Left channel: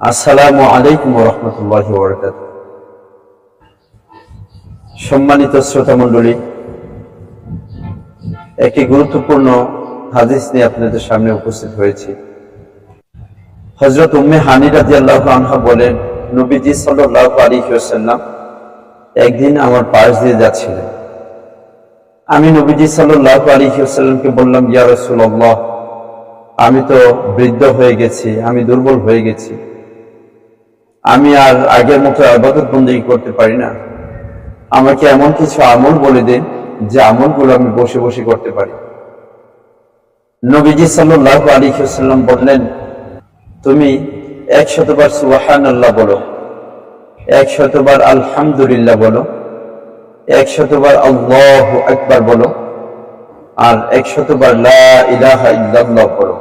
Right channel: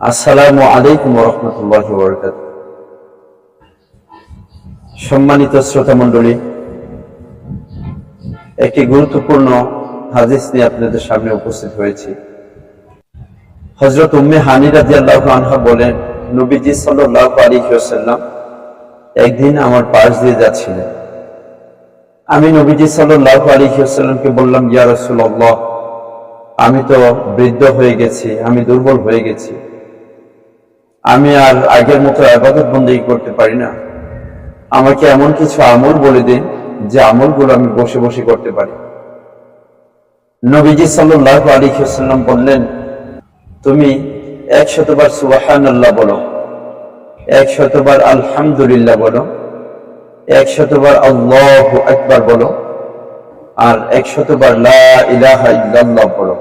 আসসালামু আলাইকুম রহমতুল্লাহ বরকাত সম্মানিত শ্রোতা মণ্ডলী একটি গুরুত্বপূর্ণ হাদিস নিয়ে আপনাদের সামনে উপস্থিত হয়েছি। হজরত উম্মে হানি রাজিয়াল্লাহ আনহা বলেন, নবীজি সাল্লাহ আলী সাল্লাম একদিন আমার পাশ দিয়ে যাচ্ছিলেন। আমি নবীজি সাল্লাহ আলী সাল্লামকে বললাম, ইয়া রসুল্লাহ আমি তো বৃদ্ধ হয়ে গেছি, আমি দুর্বল হয়ে গেছি। আমি আর আগের মতো আবাদত বন্দী করতে পারি না। আমাকে এমন কিছু আমল বলে দিন যে আমলগুলো আমি বসে বসে করতে পারি। নবীজি সাল্লাহ আলী বললেন, তুমি এক শতবার সুবাহান আল্লাহ বলো এক শতবার আলহামদুলিল্লাহ বলো এক শতবার আল্লাহ আকবার বলো, আর এক শতবার ইল্লাল্লাহ পড়ো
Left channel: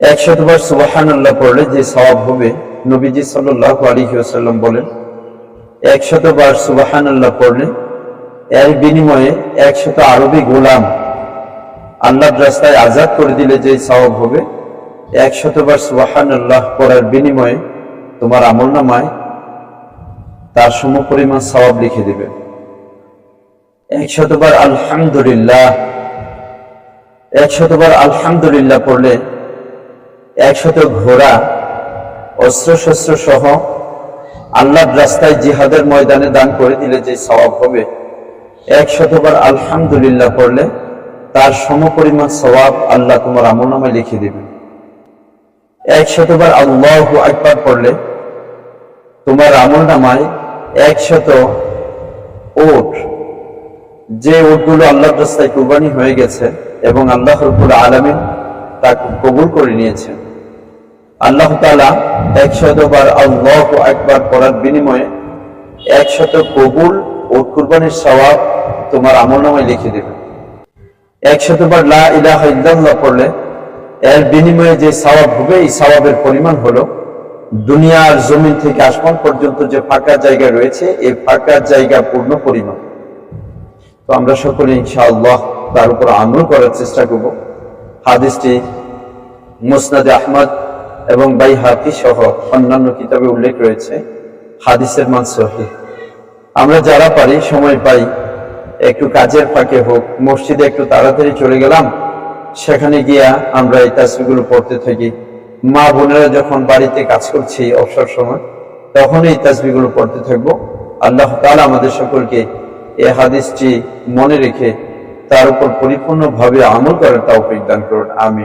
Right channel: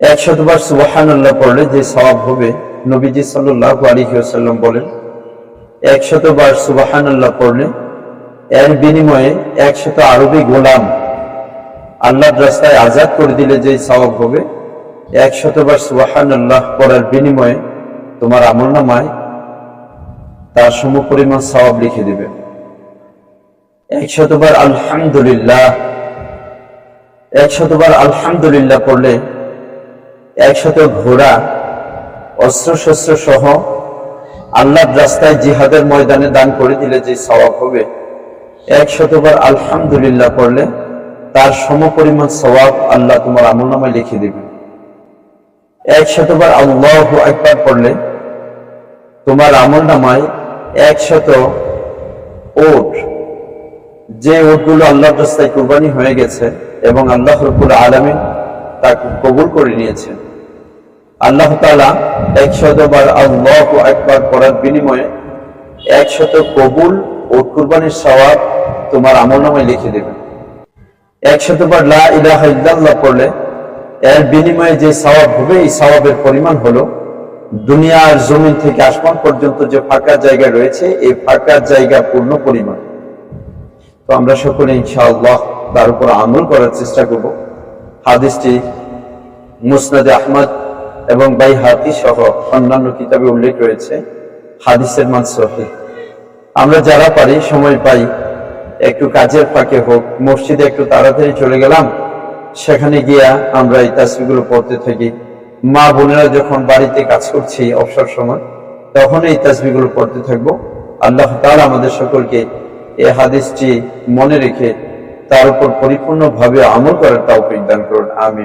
এক শতবার সুবাহান আল্লাহ পড়লে যে সওয়াব হবে নবীজি সাল্লাহ আলিহাসাল্লাম বলেন এক শতবার সুবাহান আল্লাহ পড়লে, এর বিনিময়ে একশত আরবি গোলাম আল্লাহ রাস্তায় আজাদ করে দিলে যে সওয়াব হবে এক শতবার সুবাহান আল্লাহ পড়ার বিনিময়ে তোমার আমল নামায় তার সম পরিমাণ সওয়াব লিখে দিবে। এক শতবার আলহামদুলিল্লাহ এক শতবার আলহামদুলিল্লাহ পড়লে, একশত ঘোড়া অস্ত্র শস্ত্র সহ আল্লাহর রাস্তায় জিহাদের ময়দানে দান করে দিলে যে সওয়াব হবে। এক শতবার আলহামদুলিল্লাহ করলে তার সম পরিমাণ সওয়াব আল্লাহ তোমার আমল নামায় লিখে দিবেন। এক শতবার আল্লাহ একবার পড়লে তোমার আমল নামায় একশত ওট। যে ওটগুলো আল্লাহর রাস্তায় কুরবানি হয়ে গেছে এবং আল্লাহ আলমিন তাকে কবুল করে নিয়েছেন। আল্লাহ তালা একশত বার আল্লাহ একবার করার বিনিময়ে একশত কবুল ও কুরবানির সওয়াব তোমার আমল নামায় লিখে দেবেন। একশত বার লা ইলাহা ইল্লাল্লাহ পড়লে এর বিনিময়ে যে সওয়াব হবে, এই সওয়াবের পরিমাণ হলো দুনিয়ার জমিন থেকে আসমান পর্যন্ত যে ফাঁকার জায়গা রয়েছে, এই ফাঁকার জায়গা পূর্ণ পরিমাণ। তো আমরা সকলে ইনশাআল্লাহ তার উপর আমল করার চেষ্টা করব। হাদিসটি মুসনাদে আহমদ এবং বাই হাতি সহ অন্যান্য কিতাবে উল্লেখ রয়েছে, হাদিসের মান সহি। আমরা যারা পারি, সময় পাই, একটু কাজের ফাঁকে হোক, মসজিদে একটু তাড়াতাড়ি চলে গেলাম, সেখানে গিয়া আমরা এই তাসবিগুলো পড়তে থাকি। মা বোনেরা যখন বাড়িতে কাজ করছি অবসর সময়, তখন এই তাসবিগুলো পড়তে থাকব। আল্লাহ তাআলা আমাদের সকলকে এই হাদিসটি মনে রেখে তার উপর পরিপূর্ণভাবে আমল করার তাও দান করুন। আমি